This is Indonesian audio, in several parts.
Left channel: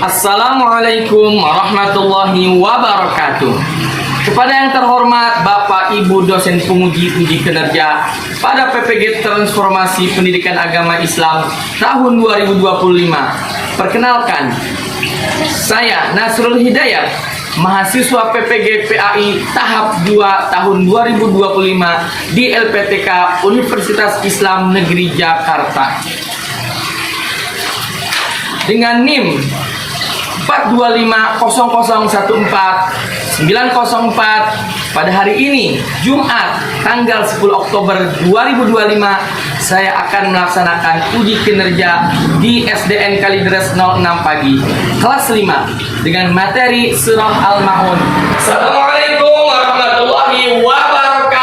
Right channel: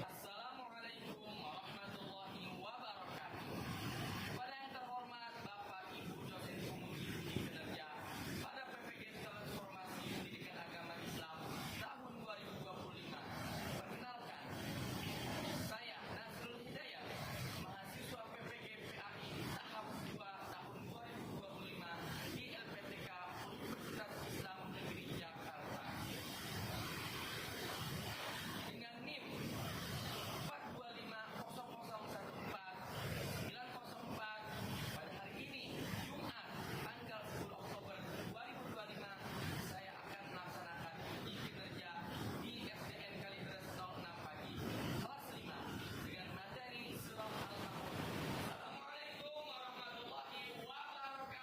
Assalamualaikum warahmatullahi wabarakatuh. Kepada yang terhormat Bapak Ibu dosen penguji uji kinerja pada PPG Transformasi Pendidikan Agama Islam tahun 2025. Perkenalkan, saya Nasrul Hidayat, mahasiswa PPG PAI tahap 2 tahun 2025 di LPTK Universitas Islam Negeri Jakarta. Dengan NIM 4250014 pada hari ini Jumat tanggal 10 Oktober 2025 saya akan melaksanakan uji kinerja di SDN Kalideres 06 pagi kelas 5 dengan materi Surah Al-Ma'un. Assalamualaikum warahmatullahi wabarakatuh.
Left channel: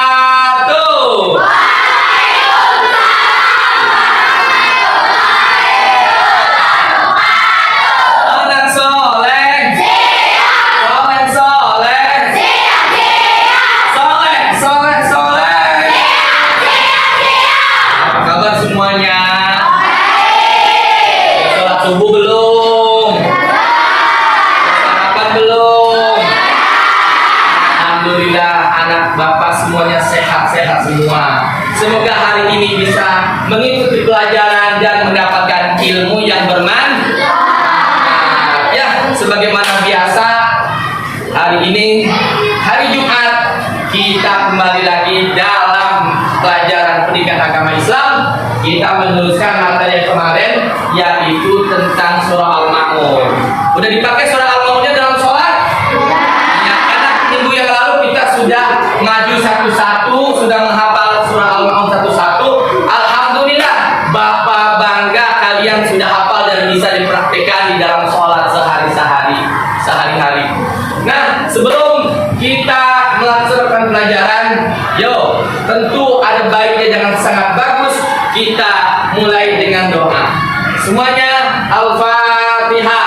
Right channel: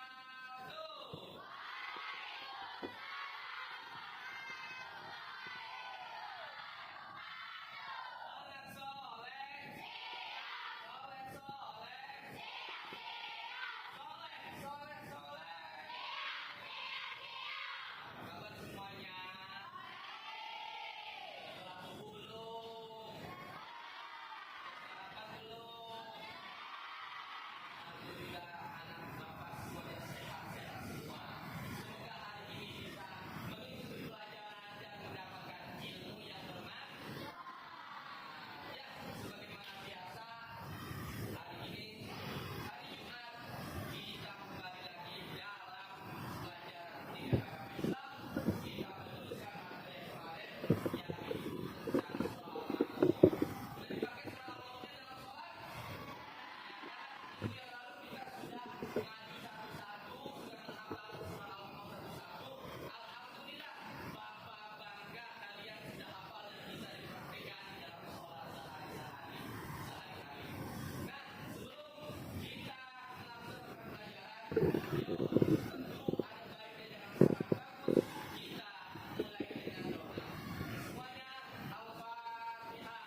Semuanya sehat-sehat semua. Semoga hari ini bisa mengikuti pelajaran dan mendapatkan ilmu yang bermanfaat. Ya, sebagaimana biasa, hari ini hari Jumat kita kembali lagi dalam pelajaran pendidikan agama Islam. Kita meneruskan materi yang kemarin, yaitu tentang surah Al-Ma'un. Udah dipakai surah Al-Ma'unnya dalam sholat? Ya, karena minggu yang lalu kita sudah maju satu-satu, sudah menghafal surah Al-Ma'un satu-satu. Alhamdulillah, Bapak bangga kalian sudah hafal dan bisa dipraktikkan di dalam sholat sehari-hari. Nah, sebelum kita melaksanakan pelajaran, tentu ada baiknya jangan sangat bagus. Kita mulai dengan doa. Semuanya Al-Fatihah.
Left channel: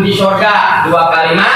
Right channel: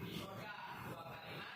Di surga dua kalimat.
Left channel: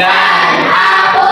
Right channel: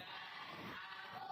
Dan aku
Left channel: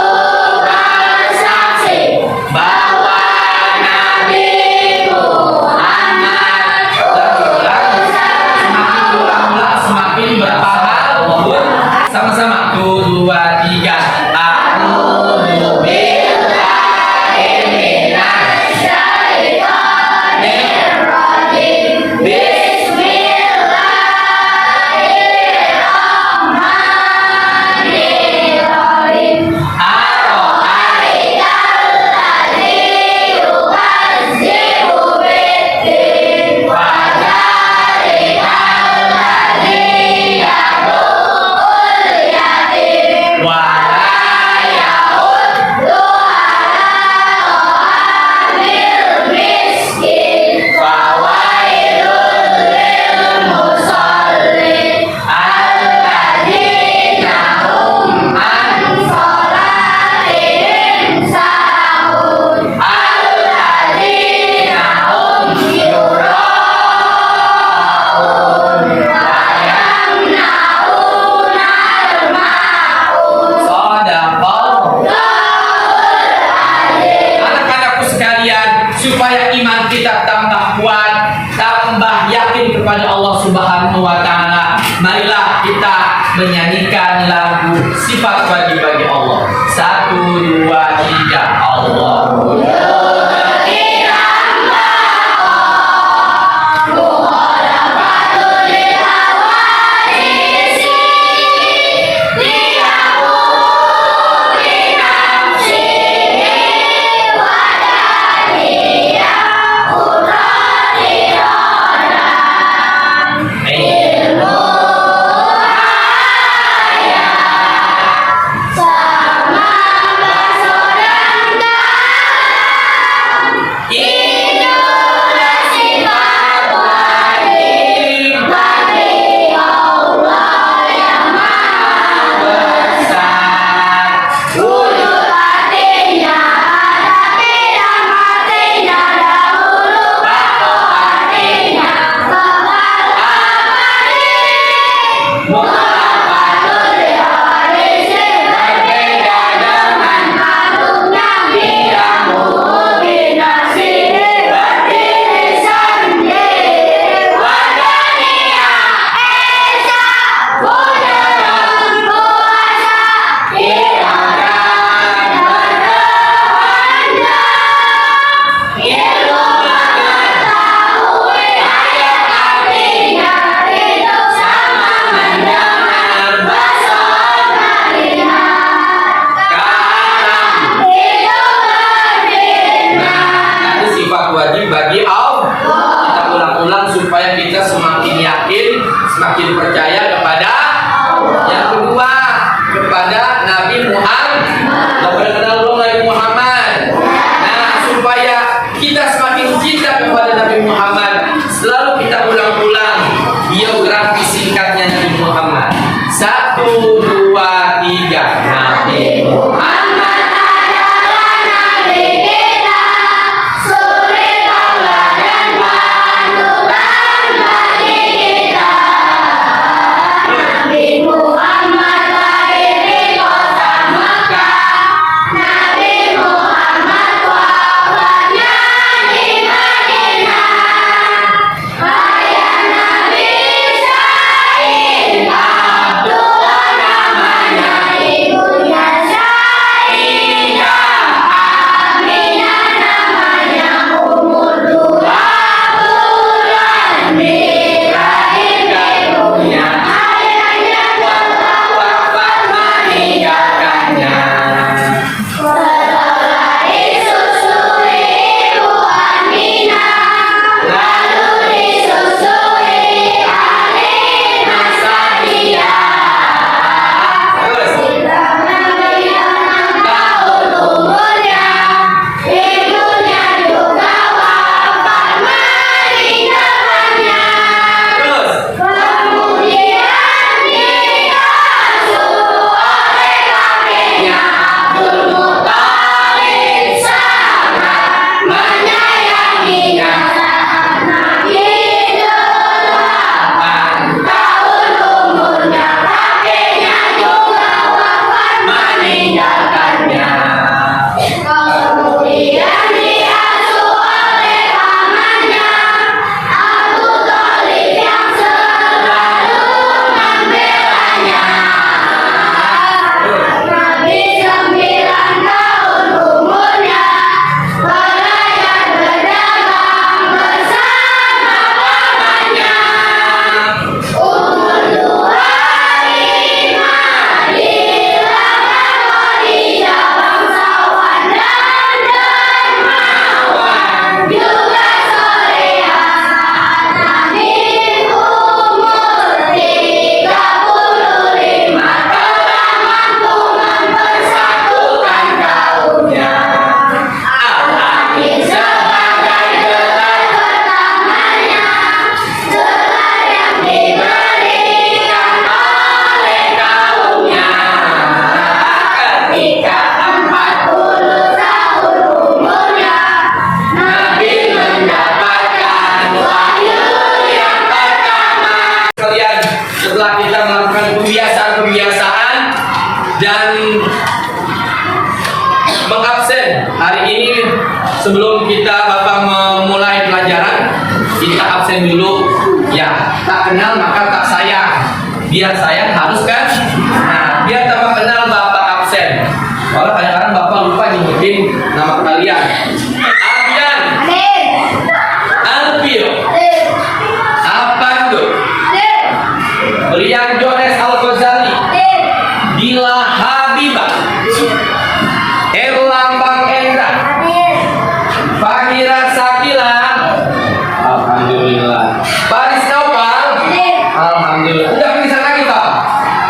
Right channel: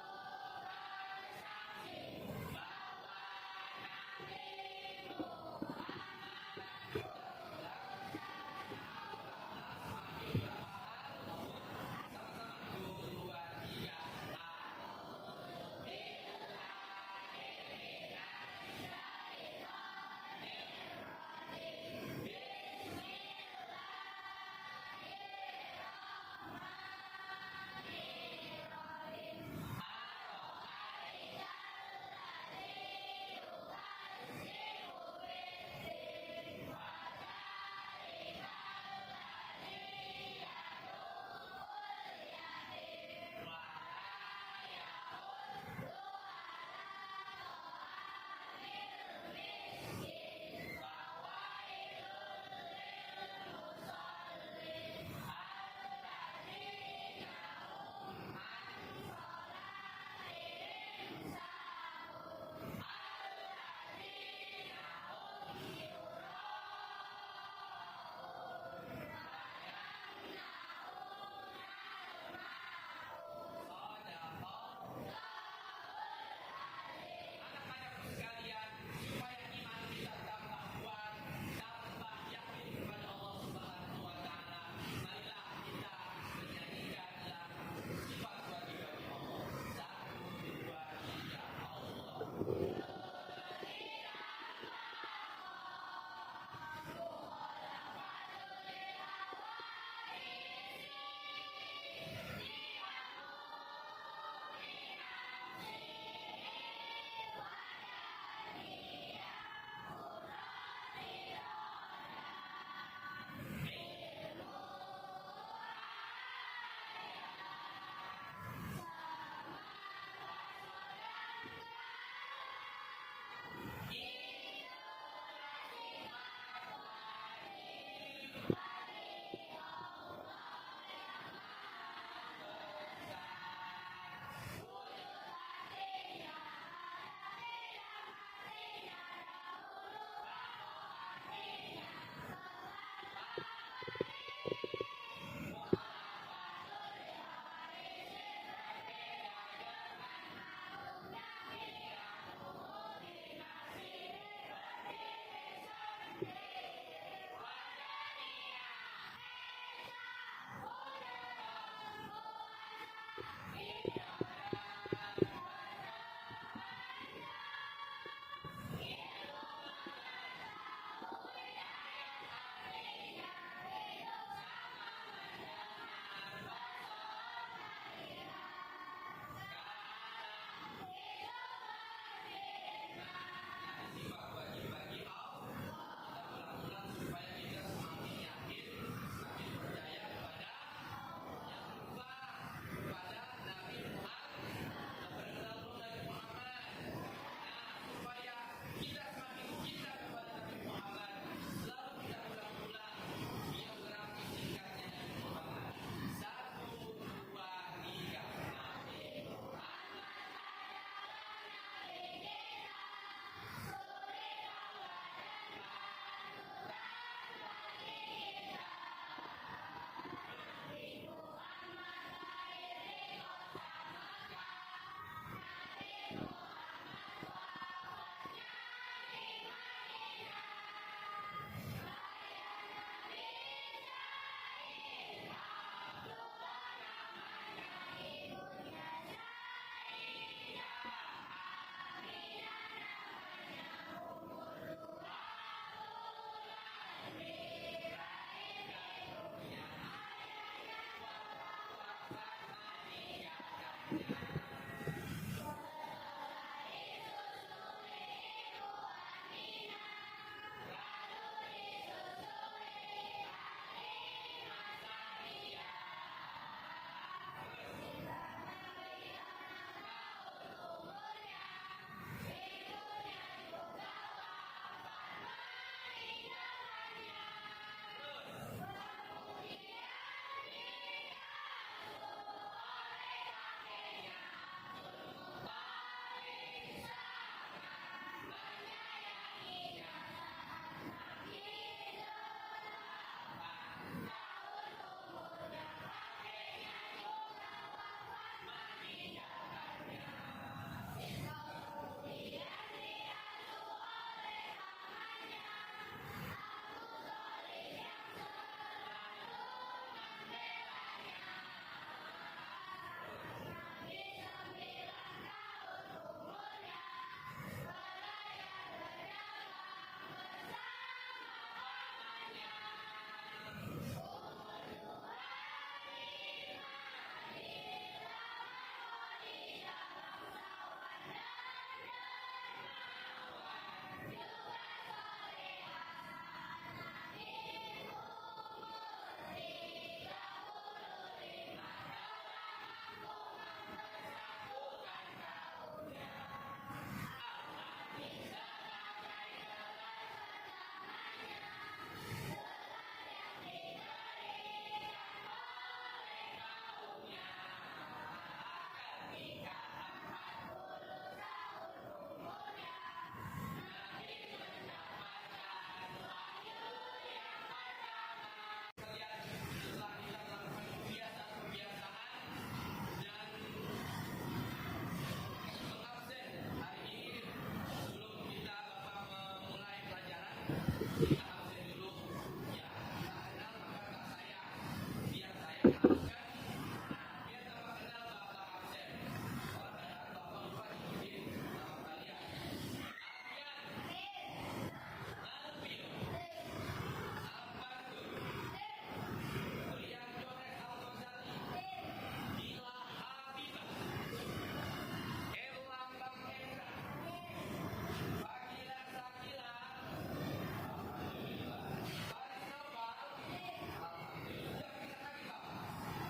bawakan lagu sifat wajib bagi Allah. 1, 2, 3. Allahu wajib bagi Allah. Kita ulang-ulang supaya kita semakin yakin, semakin percaya kepada yang kedua, kepada Nabi Muhammad. Kita kenal belum Nabi Muhammad? Nah, supaya kita semakin cinta kepada Nabi Muhammad, selalu kita ulang-ulang biografi singkatnya Nabi Muhammad. 1, 2, 3. Nabi Muhammad. Setelah kita melakukan kebiasaan-kebiasaan dan mengabsen hari ini, sebelum kita Bapak memulai pelajaran, kita absen dulu. Ya, tak kenal maka tak sayang. Biar sayang harus kan? Nah, Dila Habibah, Erlambang Endra, Fahira Sakila, alhamdulillah. Baris Naufal, alhamdulillah. Udah bisa lagi Pak?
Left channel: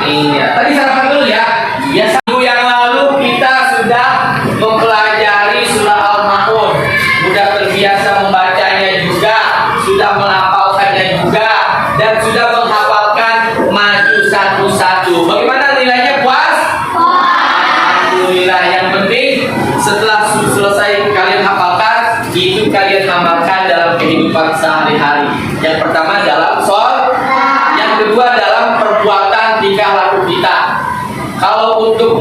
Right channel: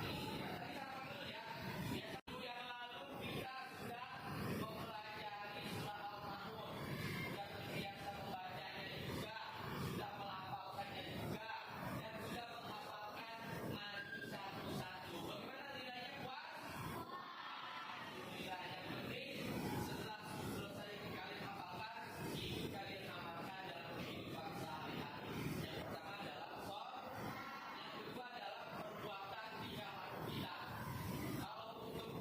Iya. Tadi sarapan dulu ya. Biasa minggu yang lalu kita sudah mempelajari surah Al-Ma'un. Sudah terbiasa membacanya juga, sudah melafalkannya juga, dan sudah menghafalkan maju satu-satu. Bagaimana nilainya, puas? Alhamdulillah. Yang penting setelah selesai kalian hafalkan, itu kalian amalkan dalam kehidupan sehari-hari. Yang pertama dalam sholat, yang kedua dalam perbuatan tingkah laku kita. Kalau untuk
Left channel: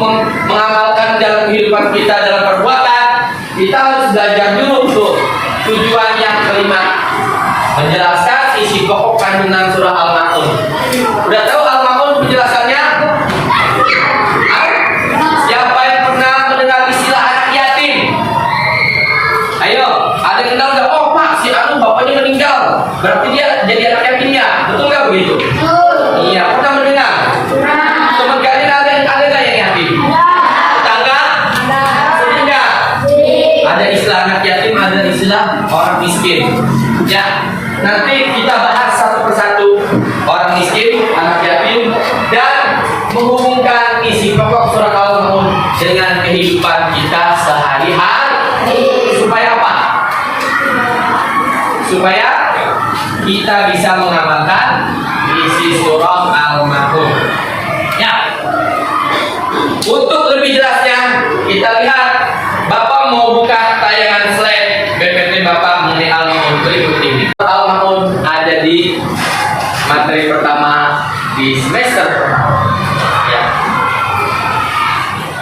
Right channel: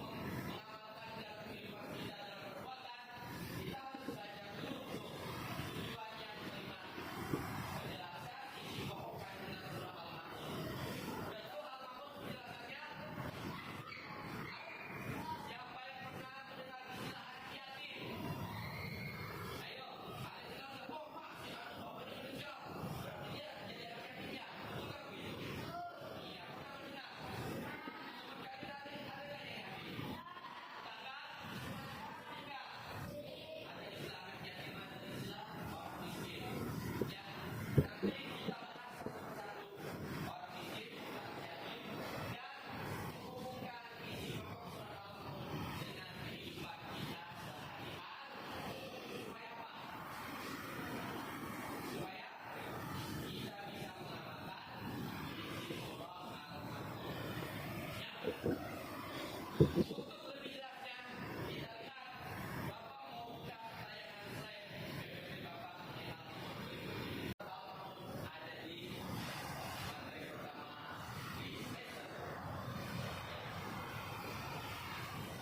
mengamalkan dalam kehidupan kita dalam perbuatan, kita harus belajar dulu tuh tujuan yang kelima, menjelaskan isi pokok kandungan surah Al-Ma'un. Udah tahu Al-Ma'un penjelasannya? Siapa yang pernah mendengar istilah anak yatim? Ayo, ada yang kenal nggak? Oh Pak, si Anu bapaknya meninggal, berarti dia jadi anak yatim ya? Betul nggak begitu? Iya, pernah mendengar? Teman kalian ada nggak yang yatim? Tetangga? Sering nggak? Ada istilah anak yatim, ada istilah orang miskin. Ya, nanti kita bahas satu persatu orang miskin, anak yatim, dan menghubungkan isi pokok surah Al-Ma'un dengan kehidupan kita sehari-hari. Supaya apa? Supaya kita bisa mengamalkan isi surah Al-Ma'un. Ya. Untuk lebih jelasnya, kita lihat Bapak mau buka tayangan slide BPT Bapak mengenai Al-Ma'un berikut ini. Al-Ma'un ada di materi pertama di semester pertama. Ya.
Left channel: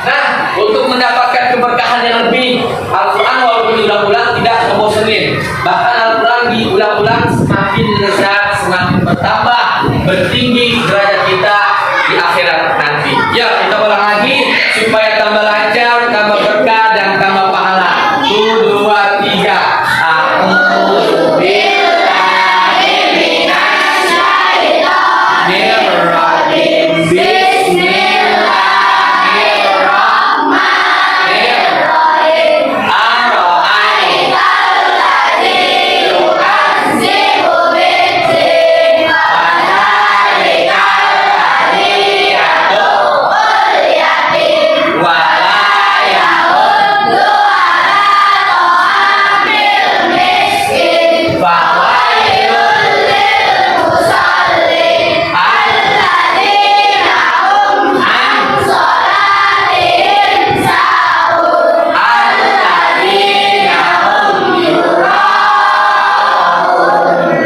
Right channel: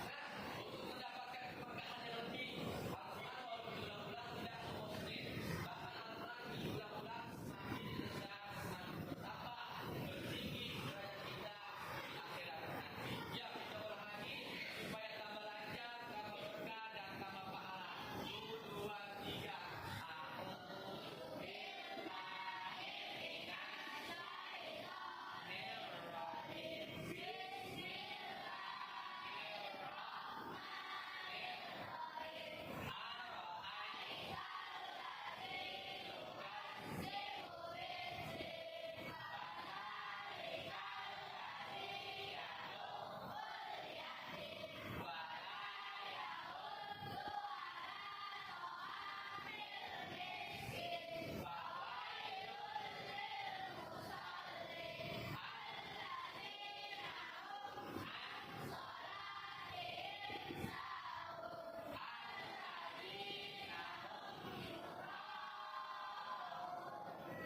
Nah, untuk mendapatkan keberkahan yang lebih, Al-Quran walaupun diulang-ulang tidak membosankan. Bahkan Al-Quran diulang-ulang semakin lezat, semakin bertambah, bertinggi derajat kita di akhirat nanti. Ya, kita ulang lagi supaya tambah lancar, tambah berkah, dan tambah pahala. 1, 2, 3. A'udzu billahi minasy syaithanir rajim. Bismillahirrahmanirrahim. Ar-Ra'aital ladzi yukazzibu bid-din, fadzalikal ladzi yad'ul yatim wa la yahuddu 'ala ta'amil miskin. Fawailul lil musallin alladzina hum 'an sholatihim sahun alladzina hum yura'un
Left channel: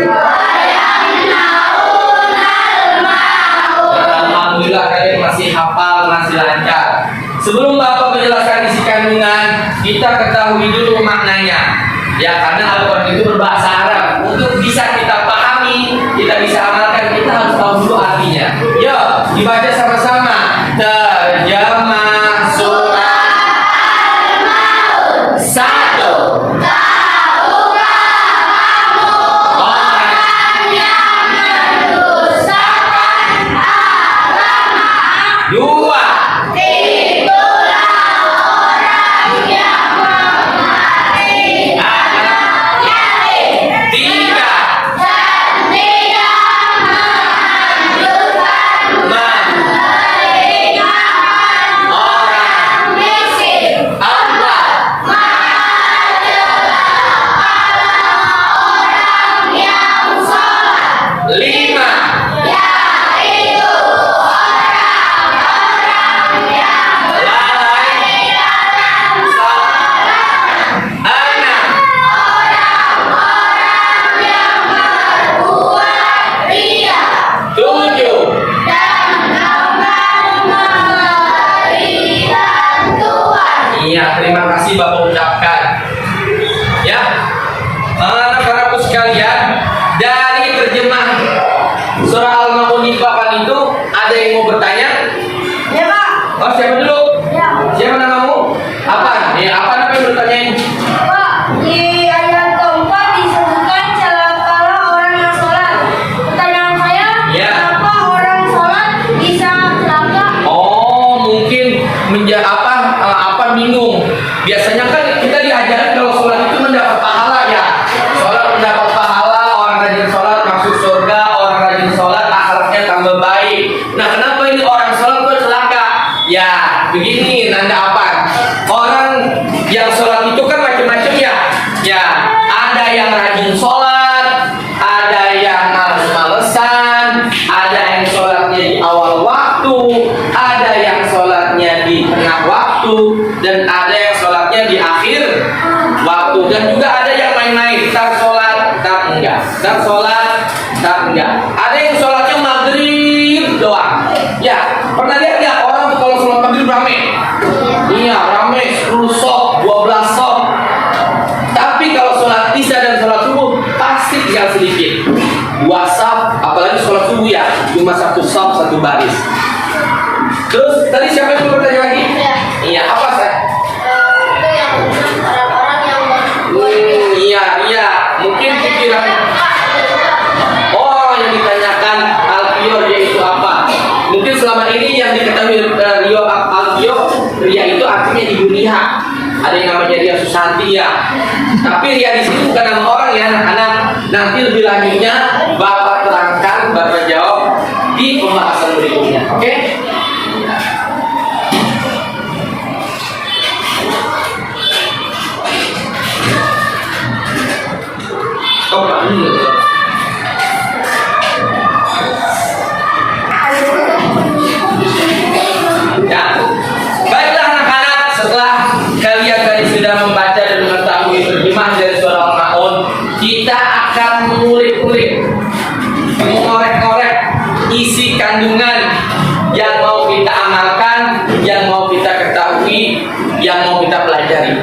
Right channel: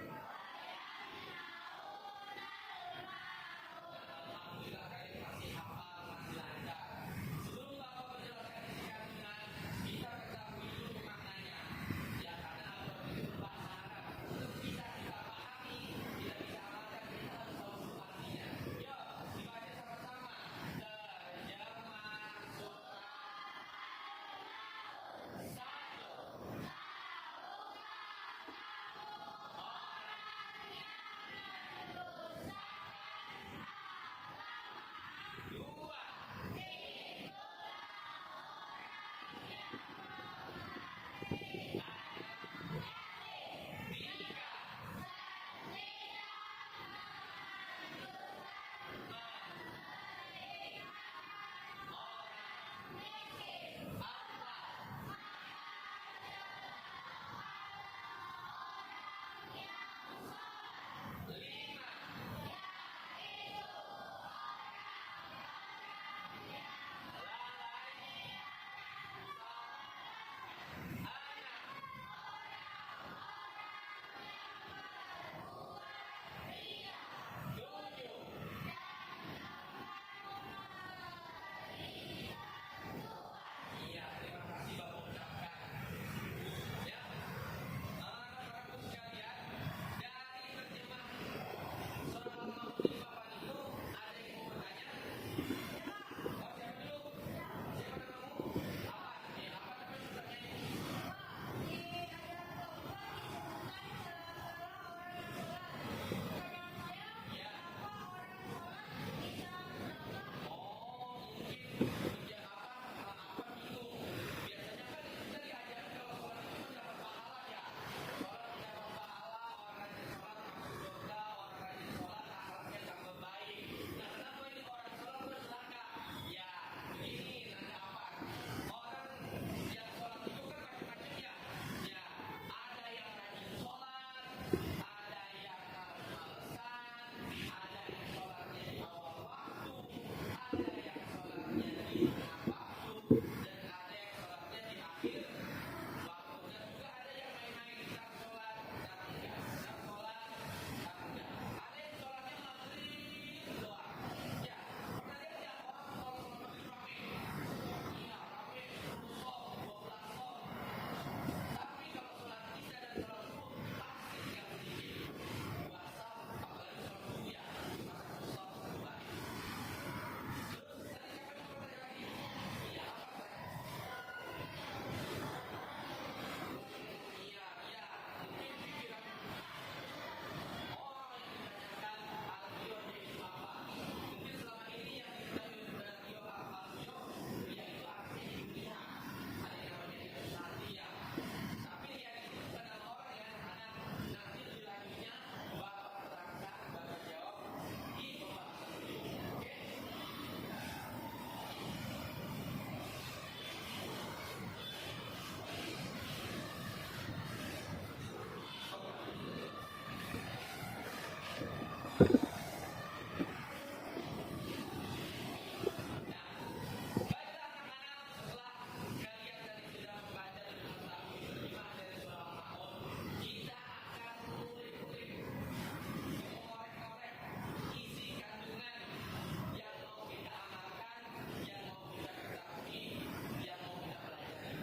wa yamna'unal ma'un. Alhamdulillah kalian masih hafal, masih lancar. Sebelum Bapak menjelaskan isi kandungan, kita ketahui dulu maknanya. Ya, karena Al-Quran itu berbahasa Arab. Untuk bisa kita pahami, kita bisa amalkan, kita harus tahu dulu artinya. Yuk, dibaca sama-sama. Terjemah surah Al-Ma'un. 1. Orang yang mendustakan agama. 2. Itulah orang yang memarahi anak yatim. 3. Dan tidak menganjurkan memberikan orang miskin. 4. Orang yang sholat. 5. Yaitu orang-orang yang lalai dalam sholat. 6. Orang-orang yang berbuat ria. 7. Dan enggan memberi bantuan. Iya, terima kasih Bapak ucapkan. Ya, anak-anakku sekalian, dari terjemah surah Al-Ma'un di papan itu ada yang mau bertanya? Ya Pak. Oh, siapa dulu? Ya. Siapa namamu? Apa? Ya, apa yang bertanyain? Pak, di ayat keempat disebutkan celakalah orang yang sholat. Pertanyaan saya, Ya. kenapa orang sholat bisa celaka? Oh, Ya, begini nanda apa? Orang yang sholat itu kan macam-macam ya. Ya, ada yang rajin sholat, ada yang males-malesan, ada yang sholatnya di awal waktu, ada yang sholatnya di tengah waktu, dan ada yang sholatnya di akhir waktu, dan juga ada yang main-main, tak sholat, tak enggak, tak sholat, tak enggak. Ada yang sholatnya maghrib doang. Ya, pernah lihat nggak orang kalau sholat maghrib rame? Iya, rame 10 sok, 12 sok. Tapi kalau sholat isya dan sholat subuh pasti tinggal sedikit. 2 saf, apalagi sholat subuh ya, cuma 1 saf 1 baris. Terus tadi siapa yang mau bertanya lagi? Iya, apa saya? Itu yang orang-orang yang Iya, mungkin pikiran. Oh, yang ditanyakan Alfio dia itu apa? Mungkin selama ini yang diketahui Rio Alfio, Ria itu artinya ibu Ria. Ada yang namanya Ria Susanti ya. Tapi Ria di sini bukan nama orang ya, anak-anak. Nanti lebih lanjutnya Bapak terangkan, Bapak jawab di pembahasan berikutnya. Oke? Ya, baiklah anak-anak, setelah kalian tadi sudah membaca dan mengetahui terjemahan dari surah Al-Maun, kita akan mengulik-ulik, mengorek-korek isi kandungan yang mau kita amalkan, yang mau kita ketahui, yang mau kita pelajari.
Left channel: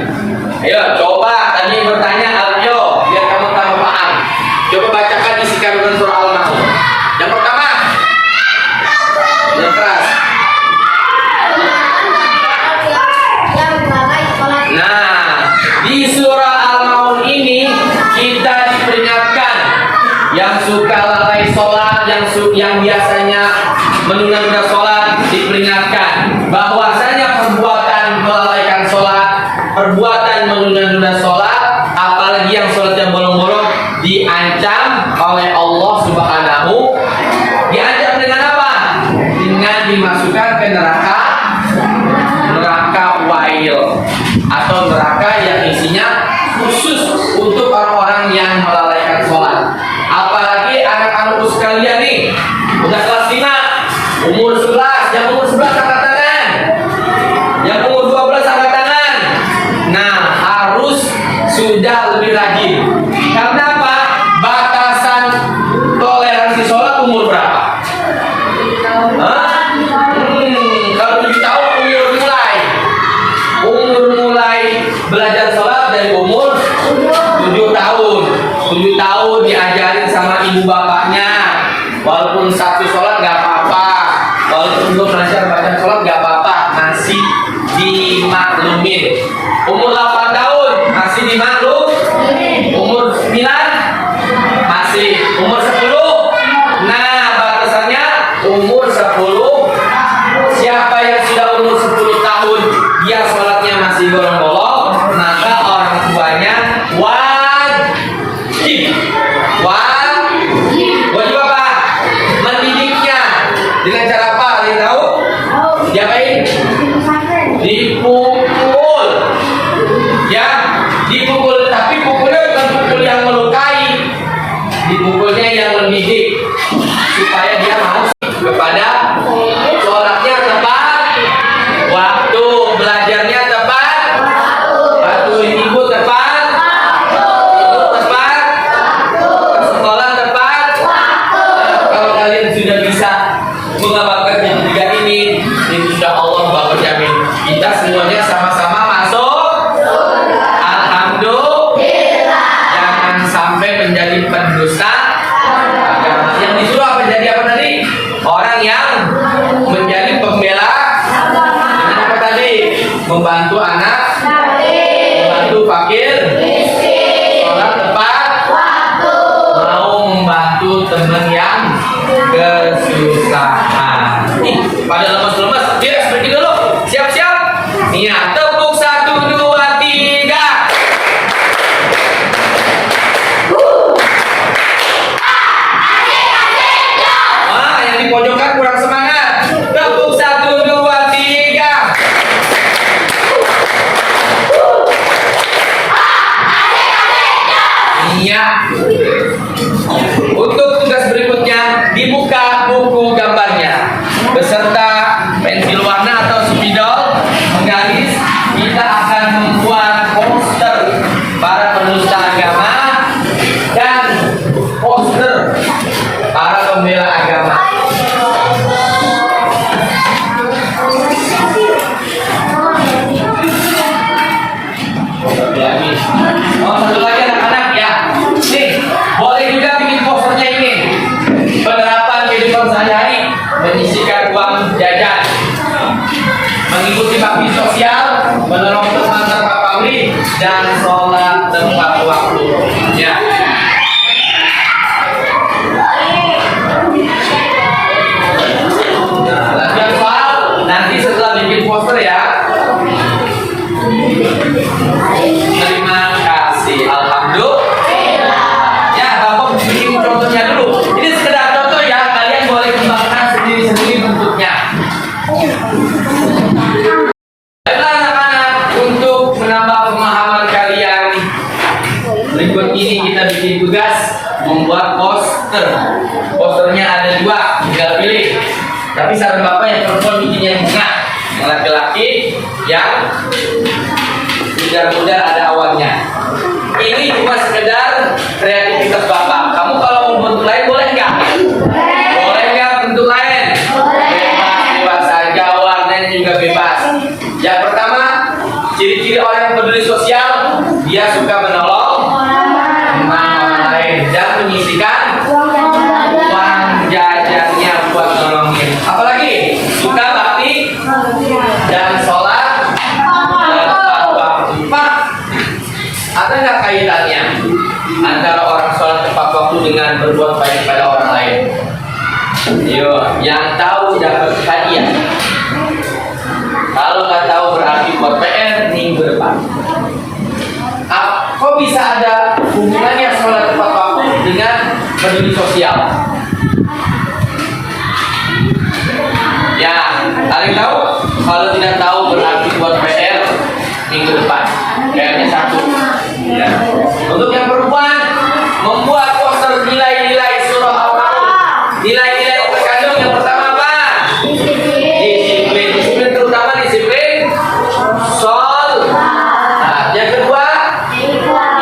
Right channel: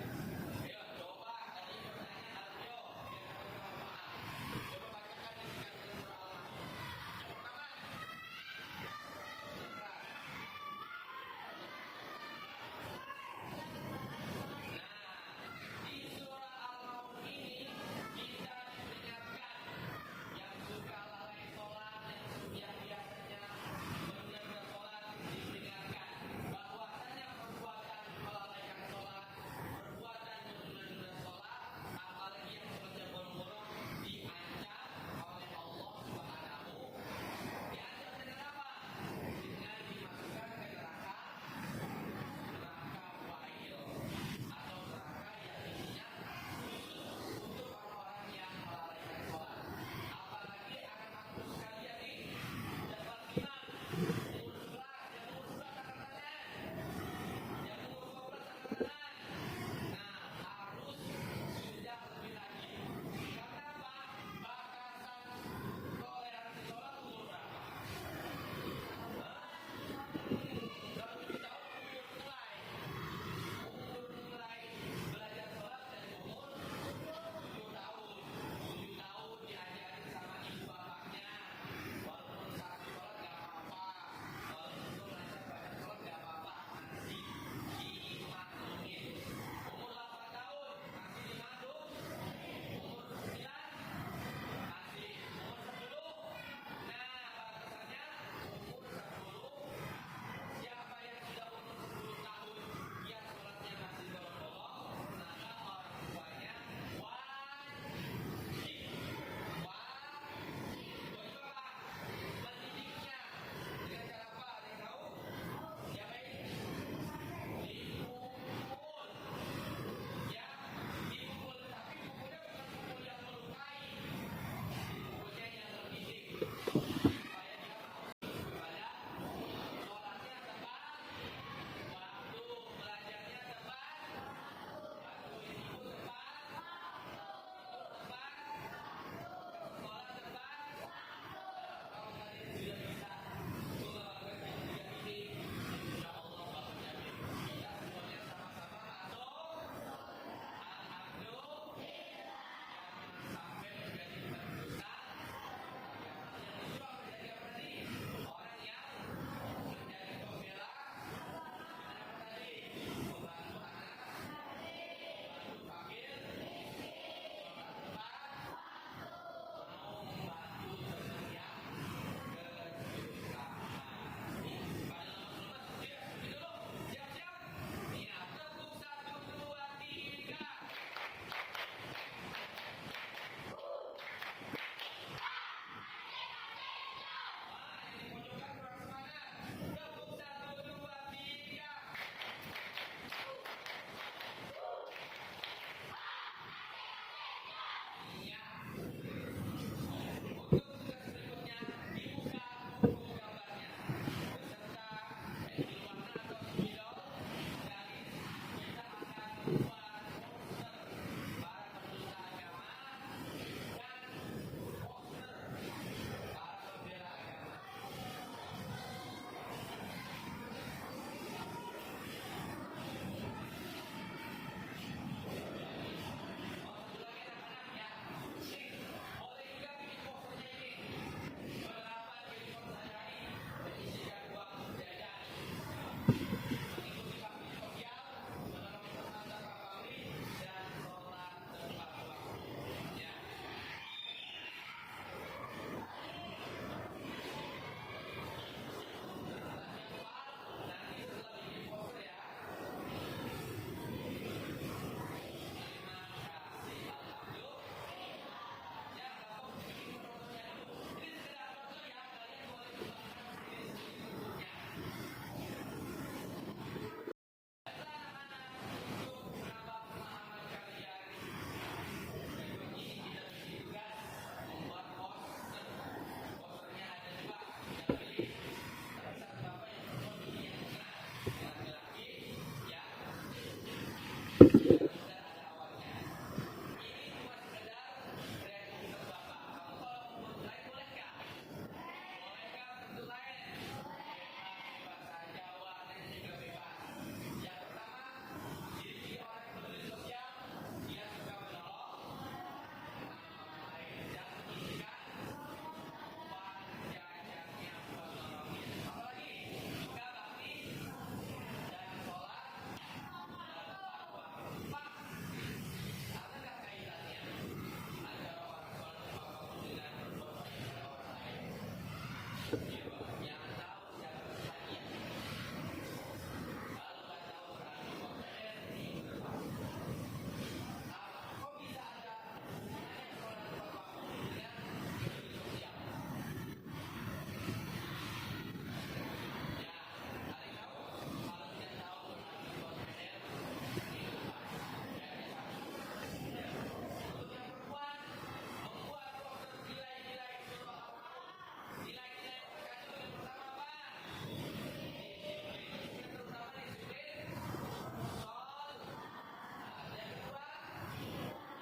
Ayo, coba tadi bertanya Aljo, biar kamu tambah paham. Coba bacakan isi kandungan surah Al-Maun. Yang pertama, yang keras. yang melalai sholat. Nah, di surah Al-Maun ini kita diperingatkan yang suka lalai sholat, yang biasanya menunda-nunda sholat, diperingatkan bahwasanya perbuatan melalaikan sholat, perbuatan menunda-nunda sholat, apalagi yang sholatnya bolong-bolong, diancam oleh Allah Subhanahu. Diancam dengan apa? Dengan dimasukkan ke neraka wail, atau neraka yang isinya khusus untuk orang-orang yang melalaikan sholat. Apalagi anak-anakku sekalian nih, udah kelas 5, umur 11, yang umur 11 angkat tangan, yang umur 12 angkat tangan. Nah, harus sudah lebih rajin. Karena apa? Batasan toleransi sholat umur berapa? Hah? Kalau 7 tahun umur mulai belajar sholat dari umur 7 tahun. 7 tahun diajarin sama ibu bapaknya. Walaupun satu sholat nggak apa-apa, walaupun belum belajar baca sholat nggak apa-apa, masih dimaklumin. Umur 8 tahun masih dimaklum. Umur 9 masih. Umur 10. Nah, batasannya umur 10. Siapa yang sudah umur 10 tahun dia sholatnya masih bolong-bolong, maka orang tuanya wajib wajib apa? Mendidiknya. Dengan cara apa? Ada yang tahu? Diapain? Dipukul. Ya, dipukul, tapi pukulnya bukan pukul yang melukai. Dipukulnya yang mendidik supaya dia mau kepada sholatnya tepat waktu, belajarnya tepat waktu, ibu tepat, ibu tepat, ke sekolah tepat. Kalau kalian sudah bisa mengamalkan yang tiga ini, insya Allah Bapak jamin kita semuanya mengikuti bakti sosial, menolong teman tanpa pamrih, dan sholat tepat waktu. Ya. Nah, latihan soal nanti setelah bikin poster ya. Terima kasih. Alhamdulillah. Ya, Bapak bikin contohnya dulu. Ini sekedar contoh ya. Kalian boleh kembangkan sendiri-sendiri bentuknya. Baiklah anak-anak, untuk menambah pemahaman kalian, berikut ini kita bikin tugas membuat poster. Posternya ada 2, tinggal pilih. Tapi saran Bapak yang perempuan bikin yang bunga, yang laki-laki yang mudah-mudah ada awannya. Ini cuma sekedar kreativitas Bapak. Kamu kalau mau bentuk lain boleh nggak? Boleh nggak bentuk lain? Bebas saja, warnanya juga bebas. Yang pertama, ciri-ciri orang yang peduli sosial, dia suka menolong orang lain dan menyisihkan uang jajannya buat nolongin. Apalagi suka bakti dan sholat tepat waktu. Pak, ada nggak kaitannya antara orang sholat tepat waktu dengan berbuat baik pada orang lain? Yo, yang tahu dapat hadiah. Kalau nggak tahu berarti buat PR minggu depan. Kok bisa ada hubungannya sholat tepat waktu dengan peduli sosial? Ya, kalian tahu? Kalau tidak tahu berarti buat PR minggu depan. PR-nya 1. Ya. Untuk yang perempuan, membuat poster nilai-nilai surah Al-Maun. Nilai-nilai yang terkandung yang pertama apa? Disiplin. Disiplin terutama disiplin sholat. Nah, yang kedua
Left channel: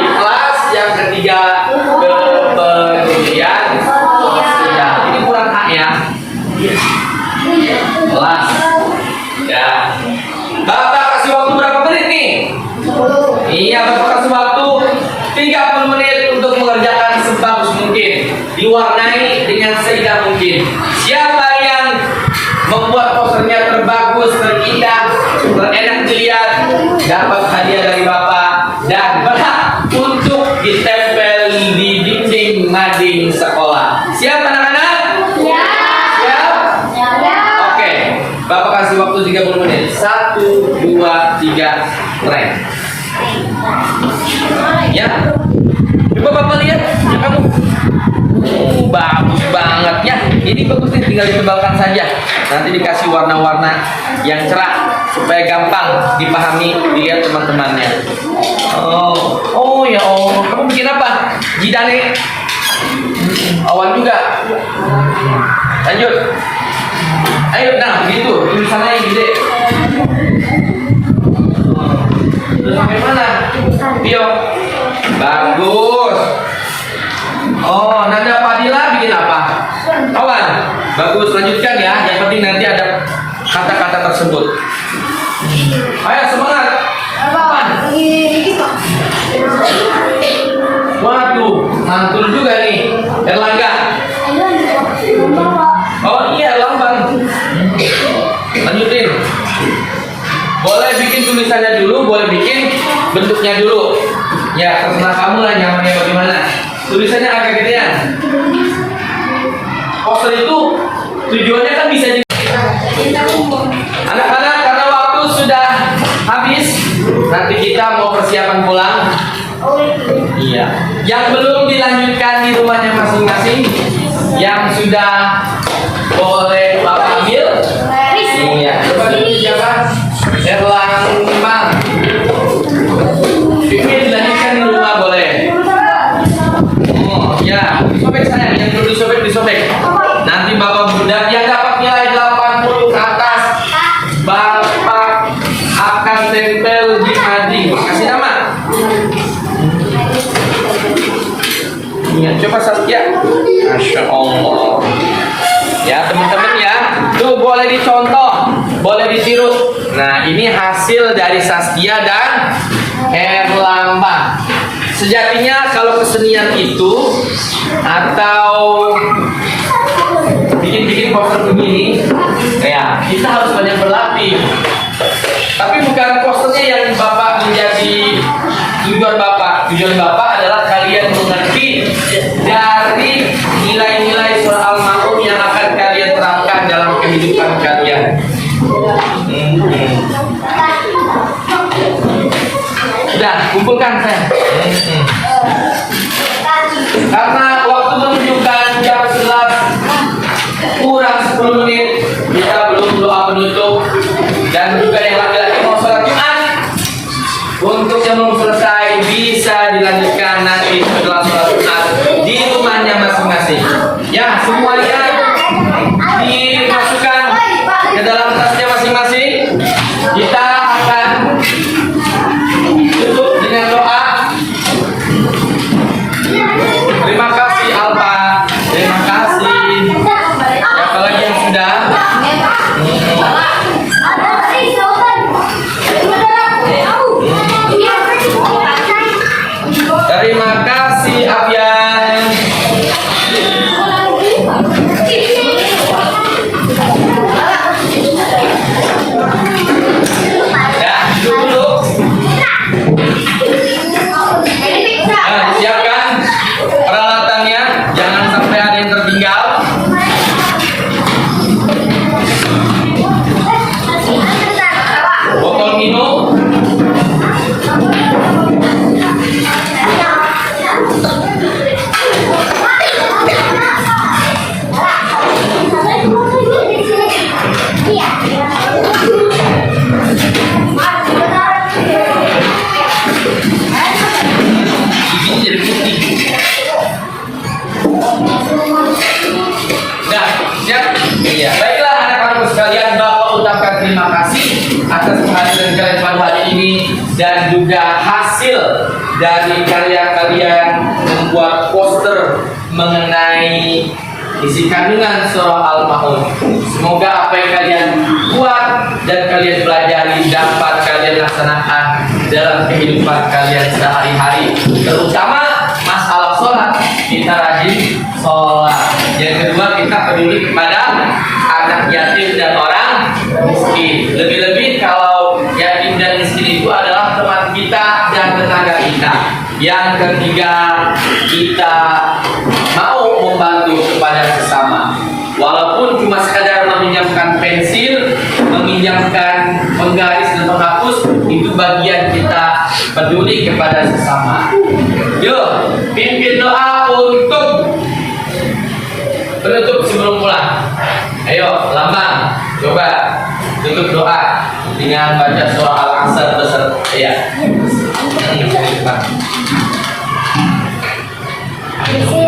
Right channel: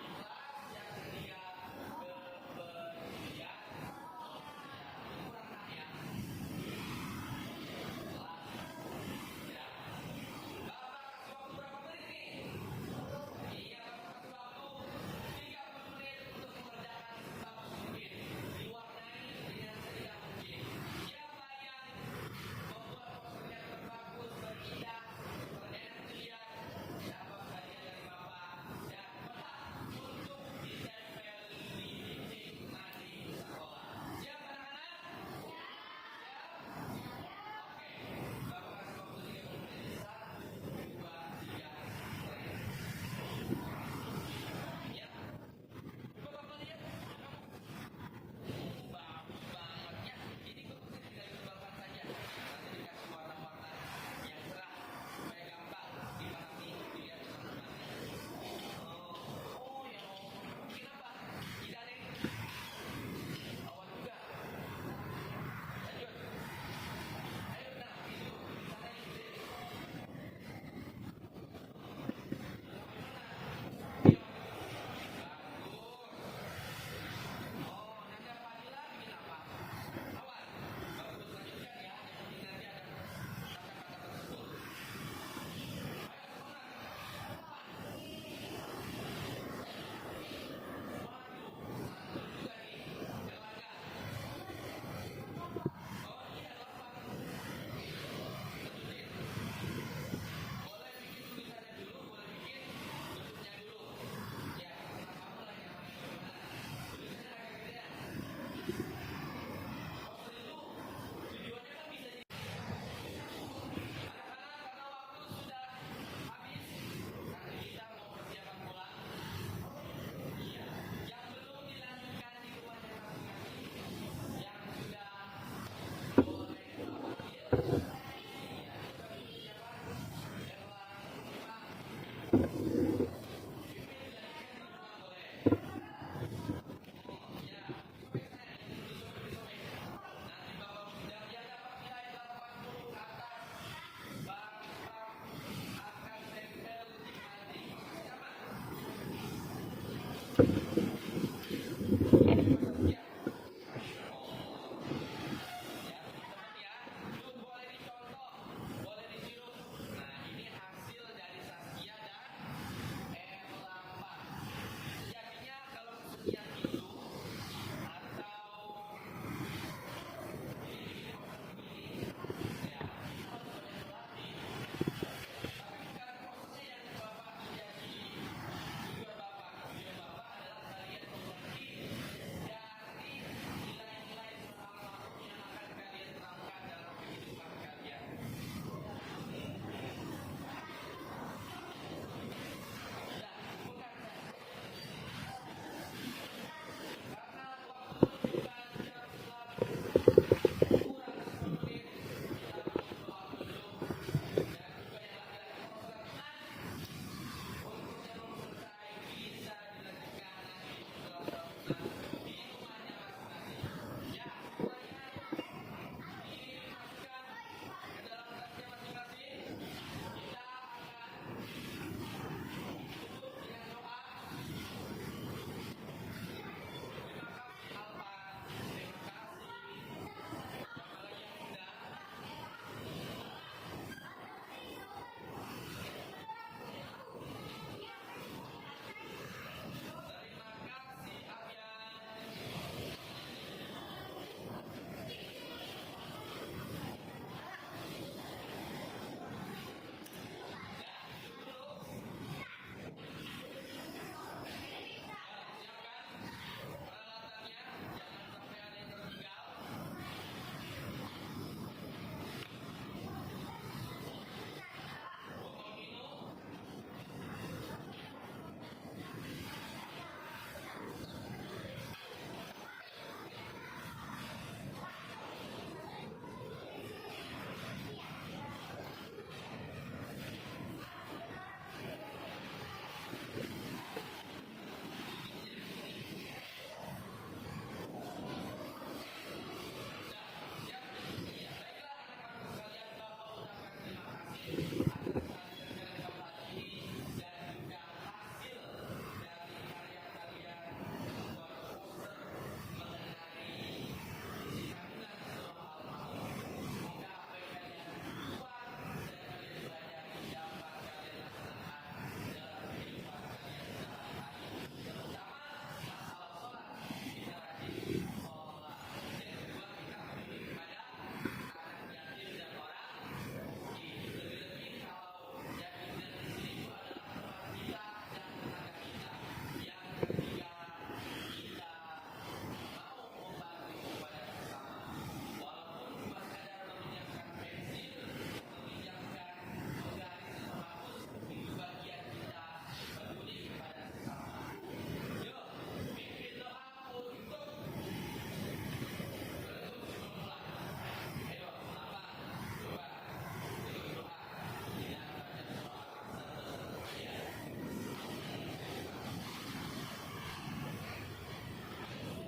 ikhlas. Yang ketiga kepedulian sosial. Ini kurang hak ya. Kelas. Ya. Bapak kasih waktu berapa menit nih? Iya, Bapak kasih waktu 30 menit untuk mengerjakan sebagus mungkin, diwarnai dengan seindah mungkin. Siapa yang membuat posternya terbagus, terindah, terenak dilihat, dapat hadiah dari Bapak dan berhak untuk ditempel di dinding mading sekolah. Siap anak-anak? Siap? Oke, Bapak kasih waktu 30 menit. 1, 2, 3, try. Ya, coba Bapak lihat. Ya kamu. Bagus banget ya. Ini bagus nih, tinggal ditebalkan saja. Nanti dikasih warna-warna yang cerah supaya gampang dipahami dilihat teman-temannya. Oh ya Allah. Kamu bikin apa? Jidane. Awan juga. Lanjut. Ayo, nah begitu. Tulisannya yang gede. Terus sampai mana? Bio. Bagus. Oh, Nanda Fadila bikin apa? Kawan. Bagus, lanjutkan ya. Yang penting nanti ada kata-kata tersebut. Ayo semangat. Waduh, mantul juga nih. Erlangga. Oh iya, lambang. Lanjutin. Boleh bikin tulisannya dulu, boleh bikin bentuknya dulu. Ya, terserah kamu lah nyamannya bagaimana. Tulisannya agak gedean. Poster itu tujuannya kan bisa jadi. Anak-anak, karena waktu sudah habis, nanti kita mau persiapan pulang. Iya. Yang belum dilanjutkan di rumahnya masing-masing, yang sudah boleh Bapak ambil. Iya. Coba dulu siapa? Erlangga. Ini dilanjutkan di rumah boleh. Oh ya, disobek sayang, yang perlu disobek. Nanti Bapak Bunda yang dapat nilai 80 ke atas, Bapak akan tempel di mading. Kasih nama. Ya, coba Satya. Masya Allah. Ya teman-teman ya, tuh boleh dicontoh, boleh ditiru. Nah ini hasil dari Saskia dan Erlambang. Sejatinya kalau kesenian itu atau bikin poster begini, ya kita harus banyak berlatih. Tapi bukan posternya yang Bapak menjadi tujuan Bapak. Tujuan Bapak adalah kalian mengerti dari nilai-nilai surah Al-Ma'un yang akan kalian terapkan dalam kehidupan kalian. Sudah, kumpulkan saya. Karena waktu menunjukkan jam 11 kurang 10 menit, kita belum doa penutup. Dan juga yang laki-laki mau sholat Jumat, untuk yang belum selesai bisa dilanjutkan nanti setelah sholat Jumat di rumahnya masing-masing. Ya, semuanya dimasukkan ke dalam tasnya masing-masing. Kita akan tutup dengan doa. Terima kasih Alfa, terima kasih. Apalagi yang sudah. Terima kasih Abian. Ya, duduk dulu. Siapkan peralatannya, jangan sampai ada yang tertinggal. Botol minum. Ini jadi putih. Nah, siap? Iya. Baiklah anak-anak sekalian, Bapak ucapkan terima kasih atas kehadiran kalian pada hari ini dan juga hasil dari karya kalian membuat poster mengenai isi kandungan surah Al-Ma'un. Semoga apa yang kalian buat dan kalian pelajari dapat kalian laksanakan dalam kehidupan kalian sehari-hari. Terutama masalah sholat, kita rajin sholat. Yang kedua, kita peduli kepada anak yatim dan orang miskin. Lebih-lebih kalau yatim dan miskin itu adalah teman kita dan tetangga kita. Yang ketiga, kita mau membantu kepada sesama. Walaupun cuma sekadar meminjamkan pensil, meminjamkan penggaris dan penghapus, itu bagian kita peduli kepada sesama. Yuk, pimpin doa untuk penutup sebelum pulang. Ayo, lambang, coba tutup doa dengan baca surah Al-Asr beserta ya. Isi